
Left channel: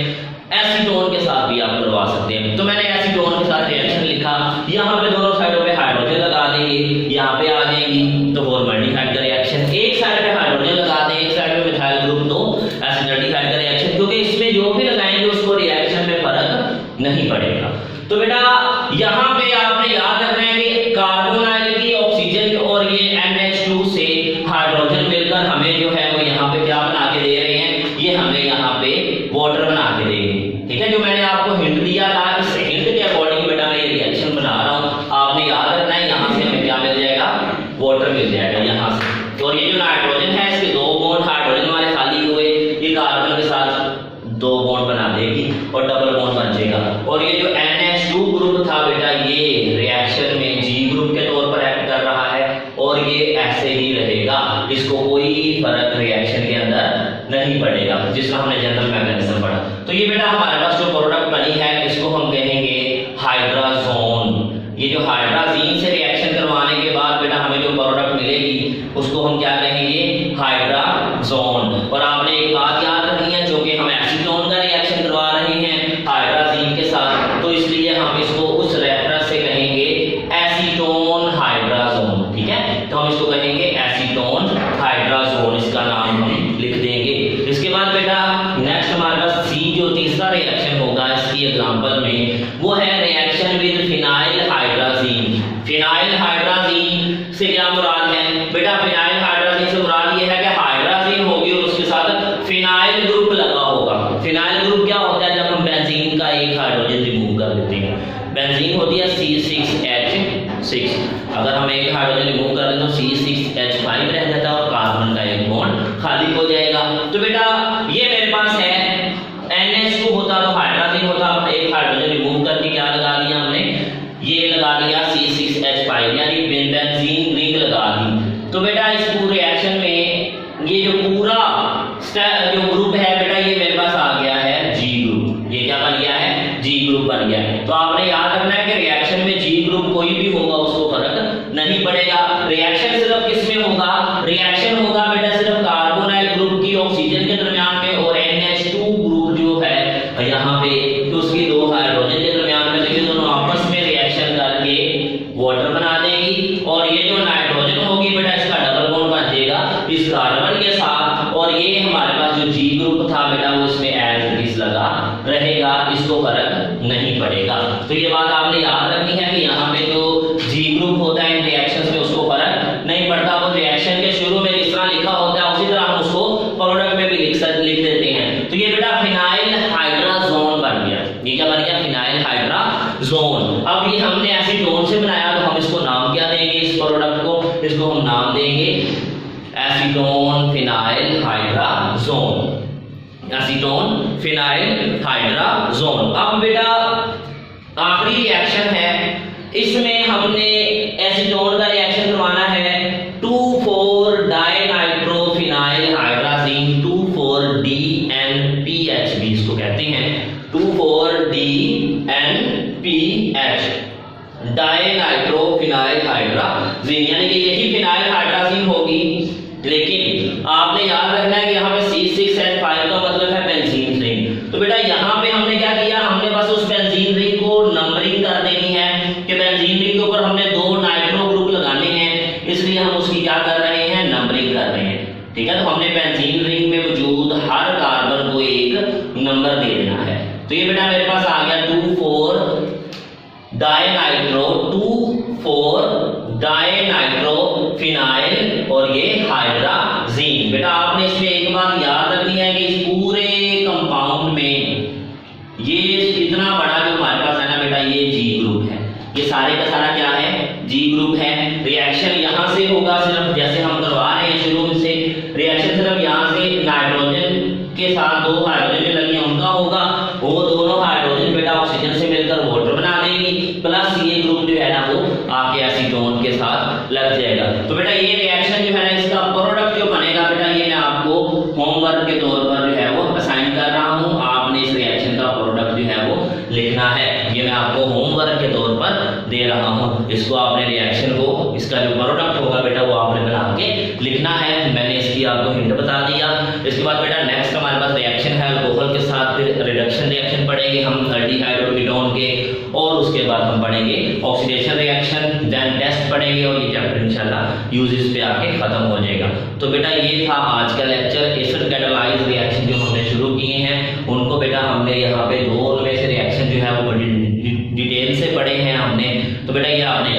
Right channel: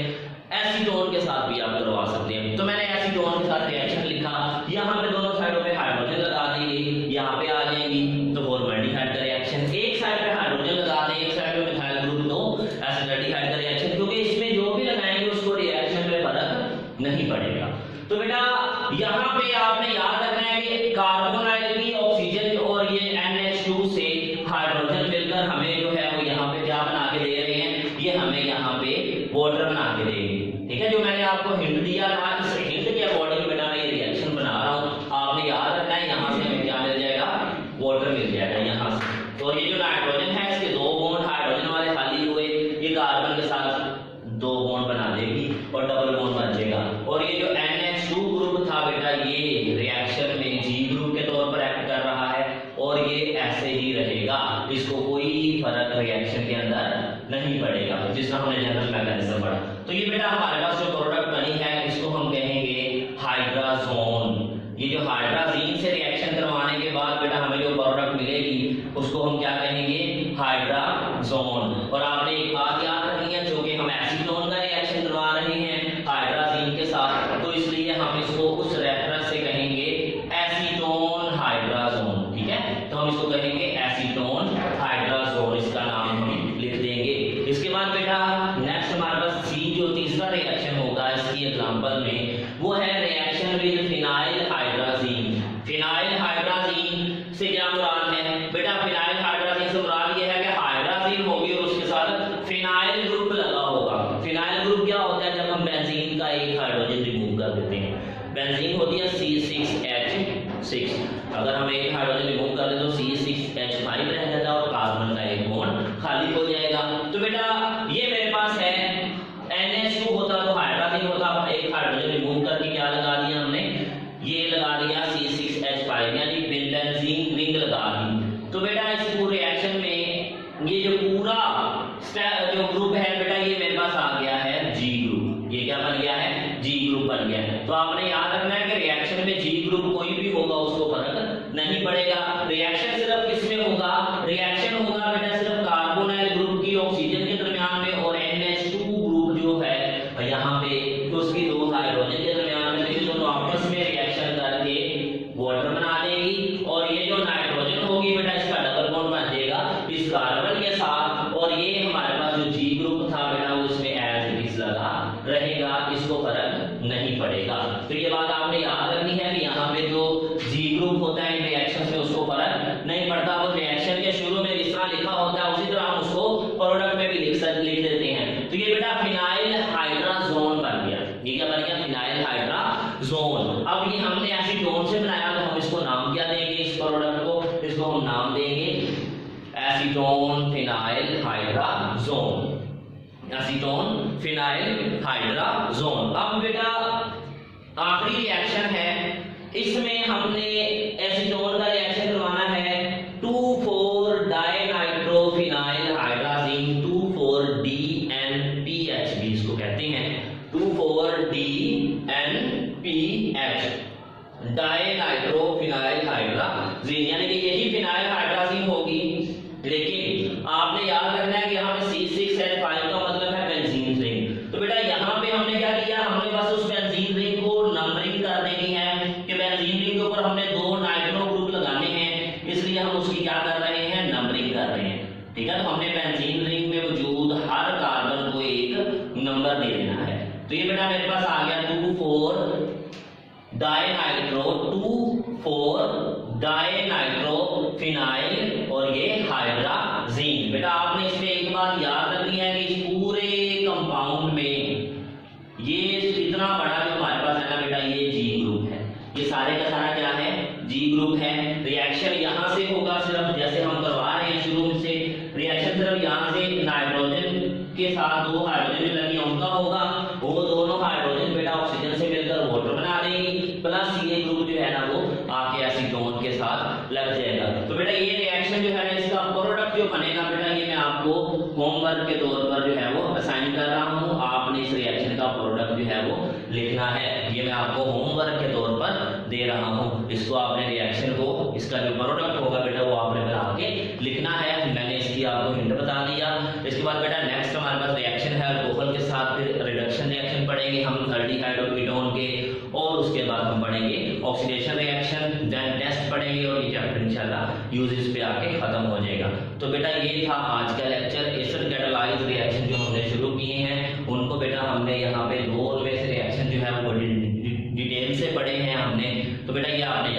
एसीटोन के साथ भी आप करवा सकते हैं। तो मैंने एसीटोन के साथ रिएक्शन लिखा, यहाँ पे दोनों साइडों पे हाइड्रोजन लगा देंगे, यहाँ पे आ जाएंगी तो फॉर्माल्डिहाइड का रिएक्शन। एक साइड पे हाइड्रोजन लगा दें, एक साइड पे मिथाइल ग्रुप तो एसिटाल्डिहाइड का रिएक्शन, क्योंकि इसमें जो भी लगाएंगे उसको रिएक्शन में फर्क नहीं पड़ेगा। तो बेटा यहाँ पे आपने याद रखना है कि कार्बोनाइल की ऑक्सीजन और ये NH2 से हाइड्रोजन मिलकर हमें जो है वो यहाँ पे क्या बना के दे रहे हैं, ये हमें यहाँ पे वाटर बना के देंगे। ठीक है, जो मैंने आपको हिंट दिया था, इस हिंट के अकॉर्डिंग बेटा मैं ये रिएक्शन बना रहा हूँ। आपने याद रखना है यहाँ से हमें क्या मिल जाएगा, वाटर मिल जाएगा यहाँ से। और ये जो नाइट्रोजन है इसके दो बॉन्ड हाइड्रोजन वाले खाली हुए, ये कार्बन के साथ दो बॉन्ड बना देगी और डबल बॉन्ड बन जाएगा। और ये जो NH2 ग्रुप था बेटा ये रिएक्शन में G ग्रुप के तौर पर एक्ट कर रहा है और ये ऐसे ही रहेगा, इसको कोई फर्क रिएक्शन के अंदर नहीं पड़ेगा, जिसका हमने जनरल मैकेनिज्म पढ़ा। तो ये बेटा हमारे पास जो प्रोडक्ट बनी है इसको हम कहेंगे हाइड्राजोन। ये जो हाइड्राजीन से रिएक्शन करवाने के बाद बेटा हमें जो प्रोडक्ट मिलेगी उसको हम क्या कहेंगे, हाइड्राजोन। और आपने एक बात याद रखनी है, जो कि हम एसीटोन का रिएक्शन करवा रहे हैं हाइड्राजीन के साथ, तो इसलिए हम इसको उस रेफरेंस से कहेंगे एसीटोन हाइड्राजोन। ठीक है, तो हम इसको कहेंगे एसीटोन हाइड्राजोन, इसका नाम हम लिख देंगे। इसके बाद बेटा नेक्स्ट हमारे पास C जो तीसरा रिएक्शन होगा इसकी एग्जांपल में, वो है reaction with phenyl hydrazine. Phenyl hydrazine से क्या मुराद है बेटा, फिनाइल हाइड्राजीन से मुराद ये है कि हाइड्राजीन होगी और उसके साथ फिनाइल ग्रुप लगा होगा। फिनाइल ग्रुप क्या होता है, जब हम बेंजीन का एक हाइड्रोजन रिमूव कर देते हैं, बेंजीन होती है C6H6, अगर हम एक हाइड्रोजन रिमूव कर दें तो C6H5 रह जाता है और कार्बन का एक बॉन्ड खाली हो जाएगा। तो बेटा ये मेरे पास है NH2 होता तो हाइड्रोजन होता, एक हाइड्रोजन रिमूव करके क्या लगा दिया हमने, ये लगा दिया C6H5 यानी बेंजीन रिंग लगा दी। तो बेटा इस पूरे रिएक्शन में ये जो पूरा जो ग्रुप है बेटा ये मेरे पास आ गया है G ग्रुप। ये क्या बन गया है, G ग्रुप बन गया है। तो आपने याद रखना है कि रिएक्शन में G ग्रुप कोई भी होगा उसको फर्क नहीं पड़ेगा। रिएक्शन सिर्फ किसमें होगा, रिएक्शन होगा बेटा सिर्फ कार्बोनाइल ग्रुप की ऑक्सीजन के दरमियान में और NH2 ग्रुप जो है यहाँ पे तो उसकी दो हाइड्रोजन के दरमियान में, तो ये दोनों आपस में रिएक्शन करके वाटर बना देंगी। और ये जो नाइट्रोजन होगी बेटा इसका डबल बॉन्ड बन जाएगा इस कार्बन के साथ, और ये हमारे पास जो G ग्रुप था बेटा वो इसमें एज इट इज लगा रहेगा, इसको फर्क नहीं पड़ेगा। तो ये बात आपने याद रखनी है कि यहाँ पे जो G ग्रुप होता है इन रिएक्शंस में उसको फर्क नहीं पड़ता। वो रिएक्शन के शुरू में जिस तरह लिखा होता है उसी तरह हम उसको प्रोडक्ट में भी लिख देते हैं। तो ये बेटा फिनाइल हाइड्राजोन बन गया। ये क्या बन गया, फिनाइल हाइड्राजोन। अब ये हमने एसीटोन से बनाया तो हम इसको नाम क्या देंगे, इस प्रोडक्ट को, इसको हम नाम देंगे acetone phenyl hydrazone. Acetone phenyl hydrazone. अब बेटा आखिरी रिएक्शन है, इसमें हमने एसीटोन का रिएक्शन करवाना है 2,4 डाइनाइट्रोफिनाइल हाइड्राजीन 2,4-DNPH भी इसको कहते हैं, 2,4-DNPH डाइनाइट्रोफिनाइल हाइड्राजीन, यानी कि यही फिनाइल हाइड्राजीन होगी। लेकिन आपने याद रखना है कि यहाँ पे C6H5 का मतलब है बेंजीन रिंग। तो बेटा यहाँ पे हमने क्या किया, हमने बस उस बेंजीन रिंग को नंबरिंग कर देनी है कि बेंजीन रिंग के ऊपर हमने दो नाइट्रो ग्रुप लगाने हैं, इसलिए हम उसकी क्या कर रहे हैं, नंबरिंग कर रहे हैं। ठीक है, तो हमने बेंजीन रिंग में मौजूद हर कार्बन को एक नंबर दे देना है। तो ये बेटा मेरे पास आ गया 2,4 डाइनाइट्रो 2,4 डाइनाइट्रोफिनाइल और ये हाइड्राजीन। बेटा आपने इसमें एक बात याद रखनी है कि इस पूरे कंपाउंड में ये इतना बड़ा जो हमारे पास है ना बेटा, ये जी ग्रुप है। ये सारे का सारा क्या है? जी ग्रुप है। रिएक्शन यहाँ से होगा, सिर्फ जैसे हम करवा रहे हैं शुरू से, रिएक्शन सिर्फ यहाँ से नाइट्रोजन के साथ दो हाइड्रोजन जो लगी उनका होगा। वो दोनों हाइड्रोजन बेटा ऑक्सीजन से मिलकर वाटर बना देंगी, प्लस ये ग्रुप जो है ना वो आके एसीटोन के साथ लग जाएगा। तो बेटा ये रिएक्शन जो है ना, इसका प्रोडक्ट जो बनेगा बेटा, ये मैं आपको होमवर्क के तौर पर जो है वो असाइन कर रहा हूँ। आपने इस रिएक्शन का प्रोडक्ट जो है वो लिखना है। ये मैं आपको होमवर्क के तौर पर दे रहा हूँ। इसको आपने रिएक्शन को, इसका जो प्रोडक्ट होगा बेटा वो आपने बना के लिखना है। मैंने इसकी आपको हिंट बता दिया। इसके बाद बेटा नेक्स्ट हमारे पास रिएक्शन है अल्कोहल के साथ, फिर रिडक्शन रिएक्शन पढ़ेंगे हम अल्डिहाइड और कीटोन के, और उसके बाद हम पढ़ेंगे ऑक्सीडेशन रिएक्शन, देन टेस्ट पढ़ेंगे, और ये चैप्टर इंशाल्लाह यूजेस पे आके खत्म हो जाएगा। तो बेटा ये था आज का लेक्चर। एसिड कैटालाइज रिएक्शन जो हमने शुरू किए हैं उनको बेटा हमने यहाँ पे दो में से रिएक्शन जो है वो बड़ी डिटेल से पढ़े हैं हमने। तो बेटा ये आपने